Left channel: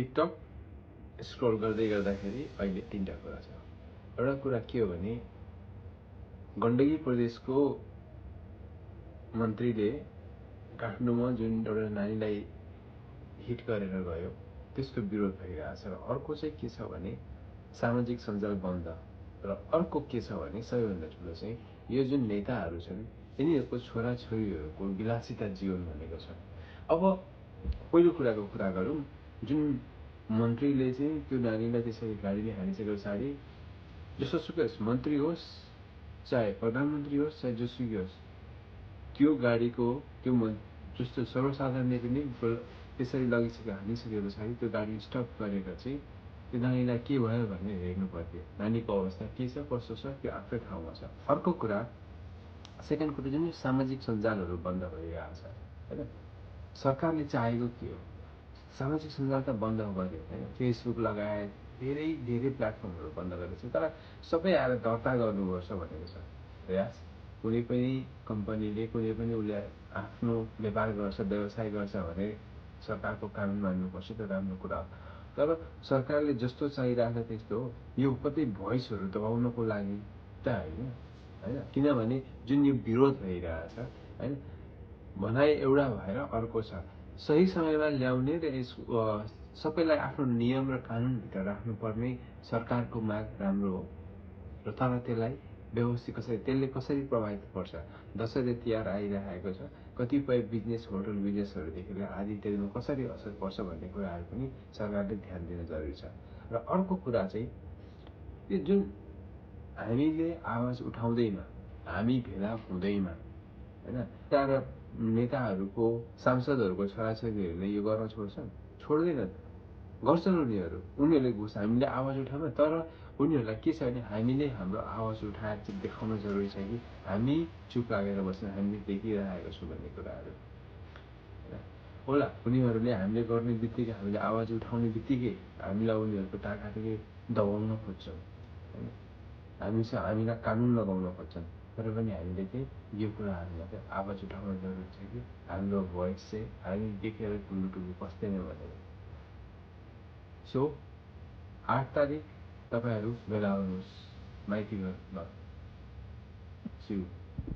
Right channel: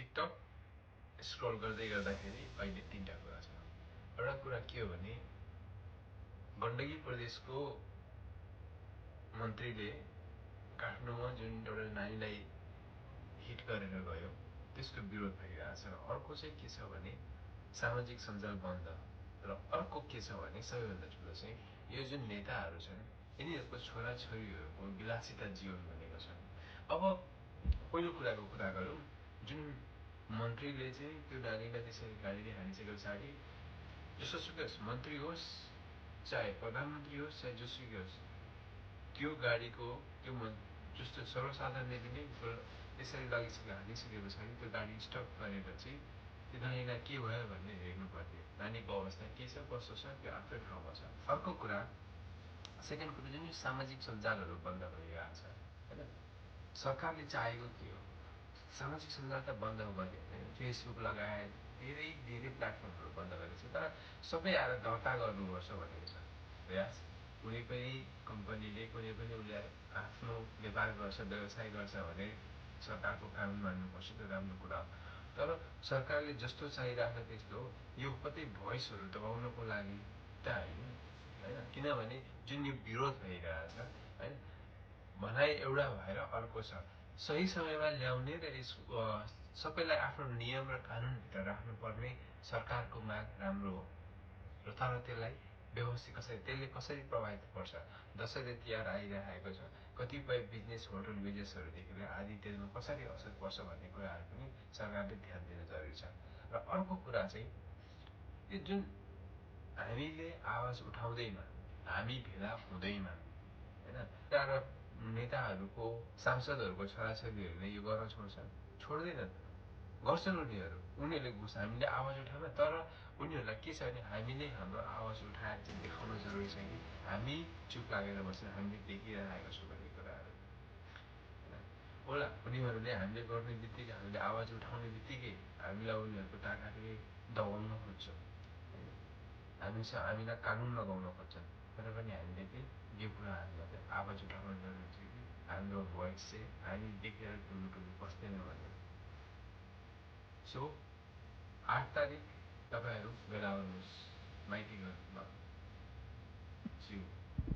TikTok scroll गर्दै गर्दाखेरि अहिले 3टा कुरा छ। एउटा कुरा के हो भने गण्डकी प्रदेशको मन्त्रीले काठमाडौँमा जुन एउटा नानीलाई हिट गरेर गयो त्यसको विरोध भइरहेको छ। र अर्को चाहिँ के छ भने सामाजिक सञ्जाल बन्द। र अर्को के छ भने सबैभन्दा ठुलो चाहिँ यो जुन नेताहरू छन् यिनीहरूको छोराछोरीहरूको विलासिता जीवन भनेको छ। अब पहिलो कुराको कुरा गरौँ, जुन मन्त्रीले चाहिँ त्यो नानीलाई त्यसरी गाडीले हानिसके पछाडि जसोसुकै होस्, मन्त्री होस् चाहे प्रधानमन्त्री होस् चाहे जोसुकै होस्, त्यो गाडीको त्यो जस्तो सर्वसाधारणले पनि त्यसरी लगिसक्यो हानिसके पछाडि त्यो गाडी स्टप गरेर चाहिँ त्यो नानीलाई के भयो भनेर हेर्नु पर्थ्यो। नानीको अवस्था के छ कस्तो छ त्यो आफ्नै ठाउँमा छ। अर्को कुरा, सेकेन्ड कुरा जुन सामाजिक सञ्जालहरू बन्द भइरहेको छ होइन, सरकारले चाहेको के हो? सामाजिक सञ्जाल त बन्द गर्यो होइन, फेसबुक लगायत धेरै प्लेटफर्महरू बन्द गरेको छ। तर सबै आएर दर्ता गर्नुपर्छ भनेको छ प्रयास। कुनै पनि कम्पनीले कुनै पनि उसले आफ्नो व्यापार गर्छ व्यवसाय गर्छ भने सरकारको कानुन मान्नुपर्छ, त्यो राम्रो कुरा हो। तर सरकारले जस्तो चाहिरहेको त्यस्तो हो यो कतै भोइसहरू दबाउनको लागि त होइन, किनभने जुन यो विरोध भइरहेछ होइन, भनाइ एउटा भएर अर्को छ। सही समयमा ल्याउने र यस सबैलाई आफ्नो नियम र कानुनभित्र राख्नुपर्ने सरकारको माग राम्रो हो। र तर त्यसलाई व्यवस्थित त्यसले कसरी प्रभावित पर्छ? दसैँ तिहार आइरहेको छ, कतिपय बिजनेस होटल बिजनेसहरूदेखि लिएर आदि इत्यादिमा कसरी असर पर्छ भन्ने कुराहरू पनि सरकारले ध्यान दिन जरुरी छ। र अर्को कुरा चाहिँ यो जुन हामीले आवाज उठाउँदैमा हामी भेला हुँदैमा होइन, तर नेताहरूको सांसदहरूको छोराछोरीहरूले यो गर्न छोड्छन्? छोड्दैनन्। गर्छन् उनीहरूले घुस हामीले आवाज उठाउन। तर उनीहरूलाई के छ भने हामीले हाम्रो आवाज उठाएर चाहिँ देखाउन जरुरी छ कि हामी चुप लागेर बस्न हामीले देखिरहेको छौँ भन्ने कुराहरू होला। उनीहरूले हामीले गर्ने बित्तिकै हामीले आवाज उठाउने बित्तिकै हामीलाई उनीहरूको टाढादेखि दबाउन खोज्छन् होइन, हामीलाई कानुन लगाउन खोज्छन्। तर पनि हामीले चाहिँ यो कुराहरूलाई चाहिँ आवाज उठाउन जरुरी छ कि हाम्रो भोइस चाहिँ हामी देखेर टुलुटुलु बस्दैन भनेर। सो 8 तारिक तपाईँहरू भेला हुनुहोस् माइती घर ल।